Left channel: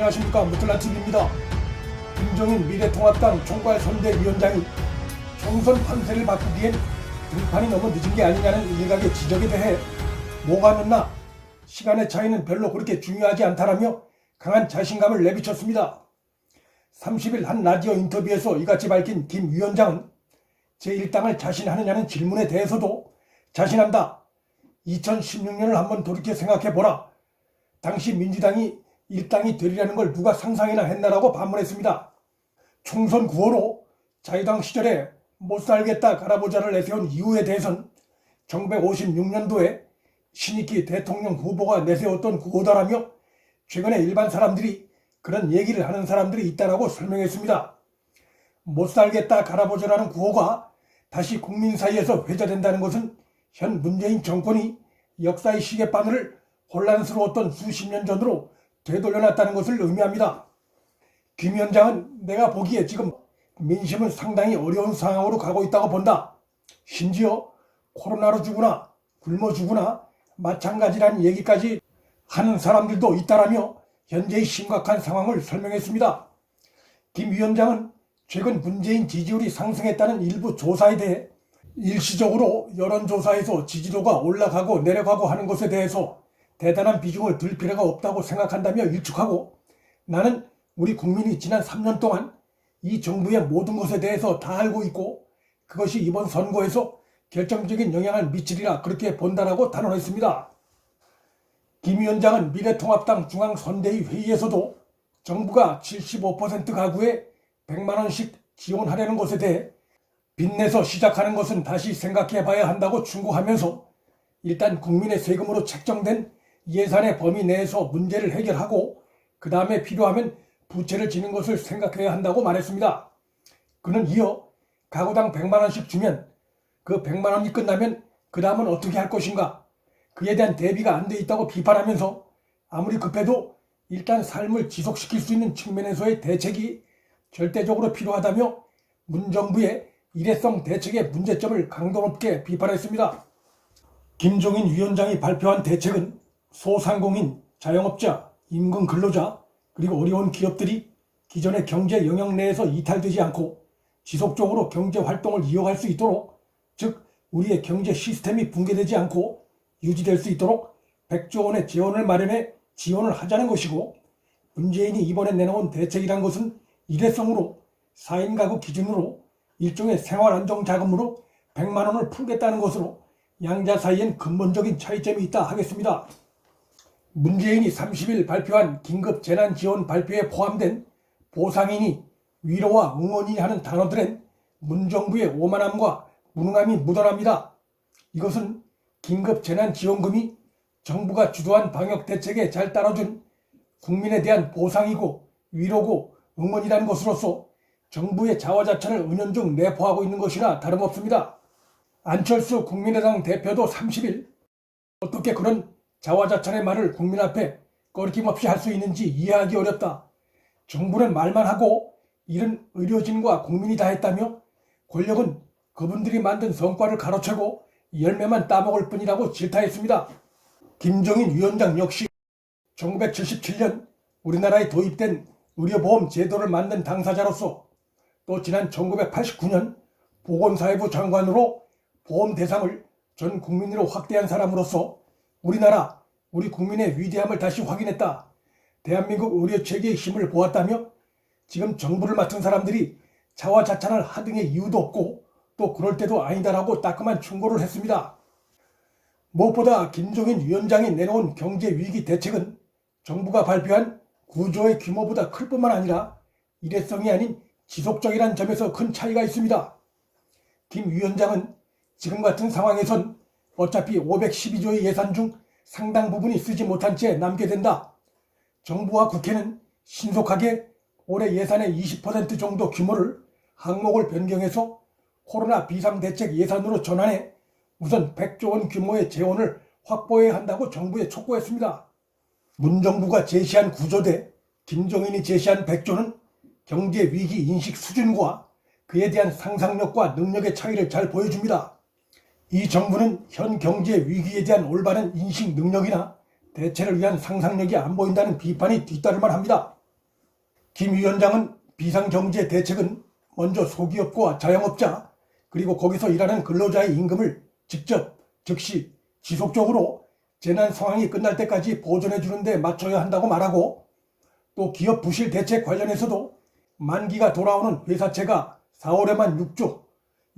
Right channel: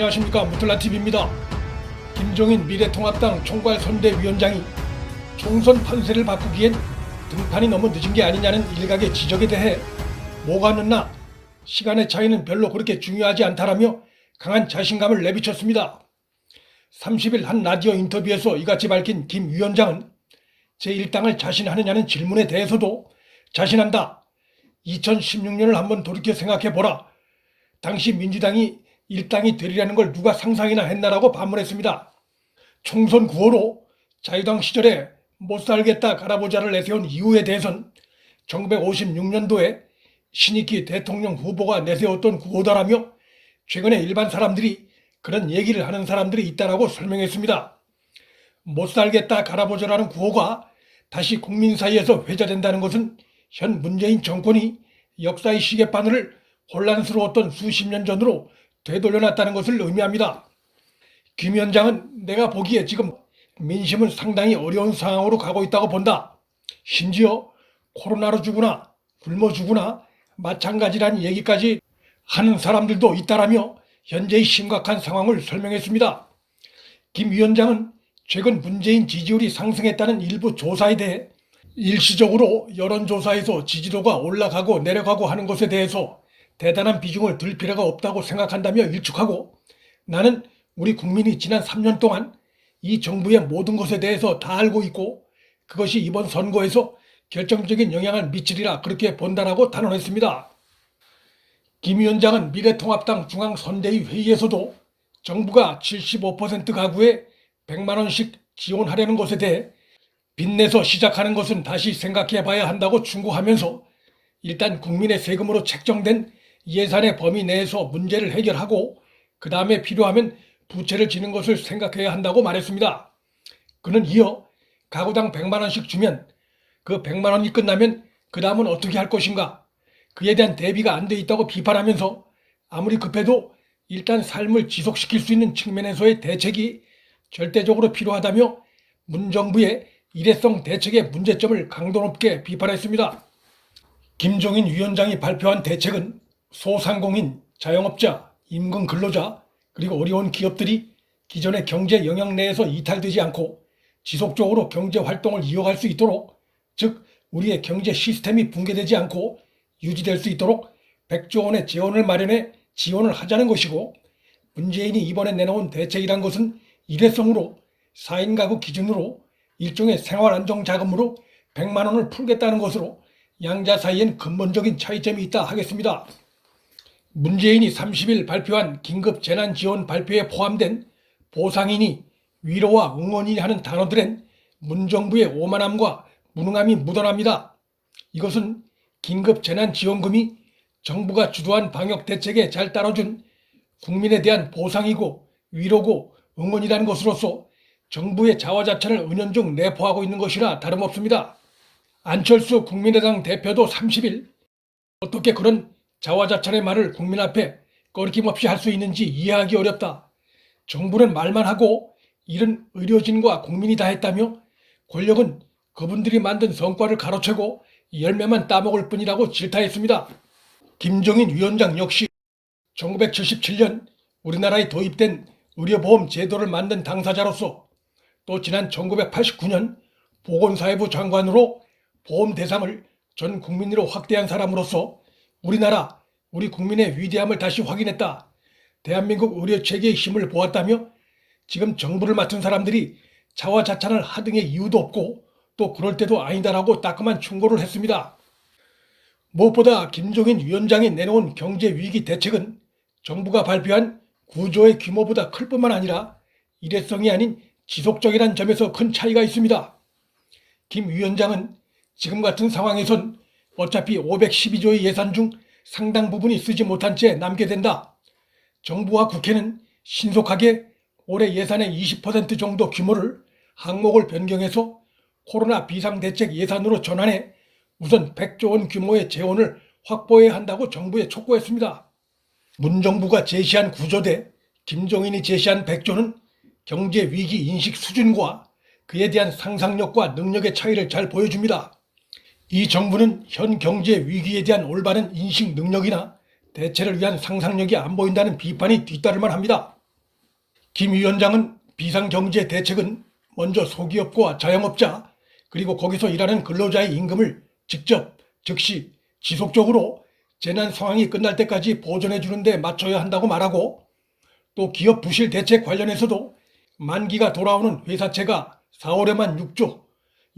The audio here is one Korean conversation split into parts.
안녕하십니까. 무틀라TV입니다. 김종인 미래통합당 총괄선대위원장이 총선 판세를 바꾸기엔 등판이 너무 늦은 게 아니냐는 일각의 지적에 대해 뭐가 늦나 시간의 차이는 별로 그렇게 중요하지 않다라며 강한 자신감을 내비쳤습니다. 30일 한 라디오 인터뷰에서 이같이 밝힌 김 위원장은 제1당을 자신하느냐는 질문에 대해서도 자신한다. 2016년을 한번 돌이켜 생각해보라. 당시 민주당이 일당이 되리라는 걸 누가 상상이나 했나라고 반문했습니다. 총선 9호로 자유당 시절에 못살겠다 갈아보자를 내세운 이유에 대해선 1956년도에 신익희 대통령 후보가 내세웠던 구호다라며 최근에 일반 사람들이 그런 얘기를 하는 사람들이 있다라고 설명했습니다. 못살겠다 갈아보자라는 구호가 다시 국민 사이에서 회자된다는 것은 현 문재인 정권이 역사의 시계바늘을 혼란스러웠던 수십 년 전으로 되돌려놨다는 것을 의미합니다. 김 위원장은 내가 보기에 지금 민심은 상당히 어려운 상황으로 가고 있다고 본다. 심지어 코로나로 죽으나 굶어 죽으나 마찬가지라는 얘기까지 하는 사람들도 있다라며 현재의 심각한 상황을 설명했습니다. 김 위원장은 최근 문재인 지지율이 상승했다는 일부 조사에 대해 일시적으로 여론조사에서 지지도가 올라가고 내려가고 하는 것에 대해서 대단한 비중을 둘 필요가 없다고 생각한다며 일축하고 나는 우리 국민이 지난 3년 동안 이 정부의 모든 것에 대해서 다 알고 있고 그것이 이번 선거에서 결정적인 영향을 미치리라 그렇게 본다라고 단언했습니다. 김 위원장은 미래통합당 중앙선대위 회의에서도 정부가 75% 가구에 100만 원씩 지원하려는 것에 대해 빚내서 시작하는 것은 다시 생각해 봐야 한다고 충고하면서 일단 국민의 세금으로 책정된 예산의 범위 내에서 문제를 해결하고 그 다음에 필요하면 부채를 지는 것을 생각해야 한다고 말했습니다. 그는 이어 가구당 100만 원씩 주면 그 100만 원이 끝나면 그 다음은 어떻게 할 것인가 그에 대한 대비가 안 돼 있다고 비판하면서 아무리 급해도 일단 삶을 지속시킬 수 있는 측면에서의 대책이 절대적으로 필요하다며 문정부의 일회성 대책의 문제점을 강도 높게 비판했습니다. 김종인 위원장이 발표한 대책은 소상공인, 자영업자, 임금 근로자 그리고 어려운 기업들이 기존의 경제 영역 내에서 이탈되지 않고 지속적으로 경제 활동을 이어갈 수 있도록 즉 우리의 경제 시스템이 붕괴되지 않고 유지될 수 있도록 100조 원의 재원을 마련해 지원을 하자는 것이고 문재인이 이번에 내놓은 대책이란 것은 일회성으로 4인 가구 기준으로 일종의 생활안정자금으로 100만 원을 풀겠다는 것으로 양자 사이엔 근본적인 차이점이 있다 하겠습니다. 문재인이 30일 발표한 긴급 재난지원 발표에 포함된 보상이니 위로와 응원이니 하는 단어들엔 문정부의 오만함과 무능함이 묻어납니다. 이것은 긴급 재난지원금이 정부가 주도한 방역대책에 잘 따라준 국민에 대한 보상이고 위로고 응원이라는 것으로서 정부의 자화자찬을 은연중 내포하고 있는 것이라 다름없습니다. 안철수 국민의당 대표도 30일 어떻게 그런 자화자찬의 말을 국민 앞에 꺼리낌없이 할 수 있는지 이해하기 어렵다. 정부는 말만 하고 일은 의료진과 국민이 다 했다며 권력은 그분들이 만든 성과를 가로채고 열매만 따먹을 뿐이라고 질타했습니다. 김종인 위원장 역시 1977년 우리나라에 도입된 의료보험 제도를 만든 당사자로서 또 지난 1989년 보건사회부 장관으로 보험 대상을 전 국민으로 확대한 사람으로서 우리나라, 우리 국민의 위대함을 다시 확인했다. 대한민국 의료체계의 힘을 보았다며 지금 정부를 맡은 사람들이 자화자찬을 하등의 이유도 없고 또 그럴 때도 아니다라고 따끔한 충고를 했습니다. 무엇보다 김종인 위원장이 내놓은 경제위기 대책은 정부가 발표한 구조의 규모보다 클 뿐만 아니라 일회성이 아닌 지속적이라는 점에서 큰 차이가 있습니다. 김 위원장은 지금 같은 상황에선 어차피 512조의 예산 중 상당 부분이 쓰지 못한 채 남게 된다. 정부와 국회는 신속하게 올해 예산의 20% 정도 규모를 항목을 변경해서 코로나 비상대책 예산으로 전환해 우선 100조 원 규모의 재원을 확보해야 한다고 정부에 촉구했습니다. 문정부가 제시한 구조 대 김종인이 제시한 100조는 경제위기 인식 수준과 그에 대한 상상력과 능력의 차이를 잘 보여줍니다. 이 정부는 현 경제 위기에 대한 올바른 인식 능력이나 대체를 위한 상상력이 안 보인다는 비판이 뒤따를 만합니다. 김 위원장은 비상경제 대책은 먼저 소기업과 자영업자 그리고 거기서 일하는 근로자의 임금을 직접, 즉시, 지속적으로 재난 상황이 끝날 때까지 보전해 주는 데 맞춰야 한다고 말하고, 또 기업 부실 대책 관련해서도 만기가 돌아오는 회사채가 4월에만 6조,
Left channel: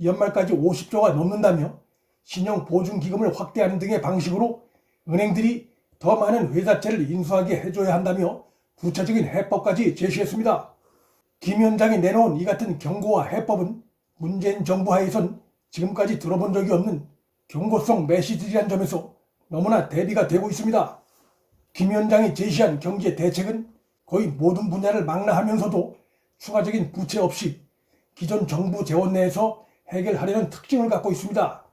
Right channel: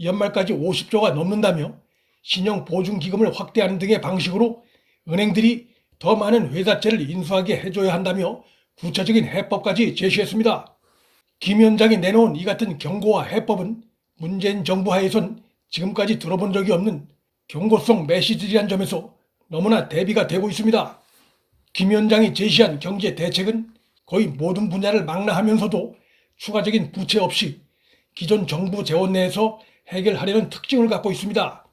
연말까지 50조가 넘는다며 신용보증기금을 확대하는 등의 방식으로 은행들이 더 많은 회사채를 인수하게 해줘야 한다며 구체적인 해법까지 제시했습니다. 김 위원장이 내놓은 이 같은 경고와 해법은 문재인 정부 하에선 지금까지 들어본 적이 없는 경고성 메시지라는 점에서 너무나 대비가 되고 있습니다. 김 위원장이 제시한 경제 대책은 거의 모든 분야를 망라하면서도 추가적인 부채 없이 기존 정부 재원 내에서 해결하려는 특징을 갖고 있습니다.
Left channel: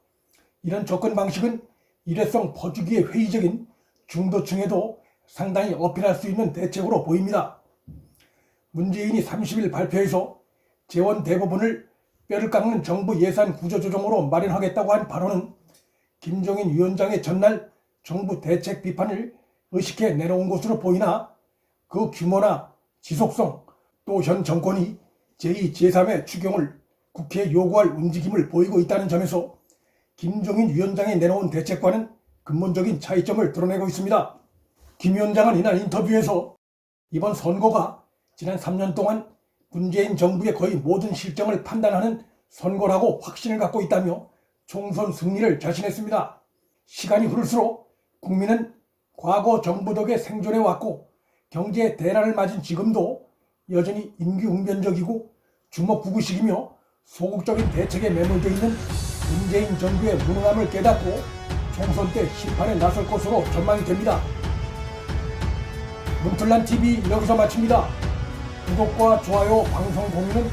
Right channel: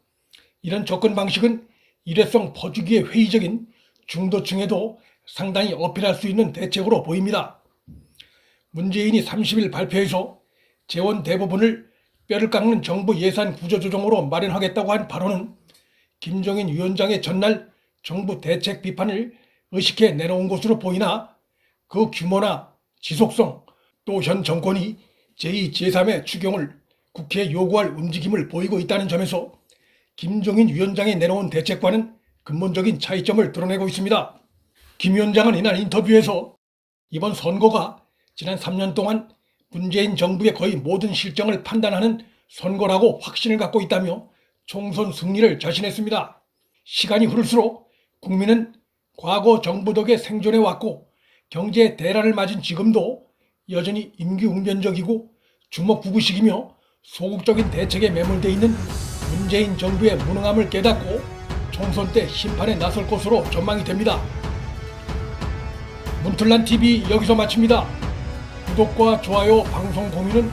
이런 접근 방식은 일회성 퍼주기에 회의적인 중도층에도 상당히 어필할 수 있는 대책으로 보입니다. 문재인이 30일 발표해서 재원 대부분을 뼈를 깎는 정부 예산 구조조정으로 마련하겠다고 한 발언은 김종인 위원장의 전날 정부 대책 비판을 의식해 내놓은 것으로 보이나, 그 규모나 지속성, 또 현 정권이 제2, 제3의 추경을 국회에 요구할 움직임을 보이고 있다는 점에서 김종인 위원장이 내놓은 대책과는 근본적인 차이점을 드러내고 있습니다. 김 위원장은 이날 인터뷰에서 이번 선거가 지난 3년 동안 문재인 정부의 거의 모든 실정을 판단하는 선거라고 확신을 갖고 있다며 총선 승리를 자신했습니다. 시간이 흐를수록 국민은 과거 정부 덕에 생존해왔고 경제 대란을 맞은 지금도 여전히 임기응변적이고 주먹구구식이며 소극적인 대책에 매몰되어 있는 문재인 정부의 무능함을 깨닫고 총선 때 심판에 나설 것으로 전망이 됩니다. 문틀란TV 여기서 마칩니다. 구독과 좋아요, 방송 공유는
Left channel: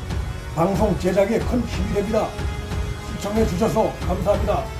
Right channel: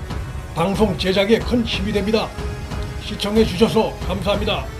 방송 제작에 큰 힘이 됩니다. 시청해 주셔서 감사합니다.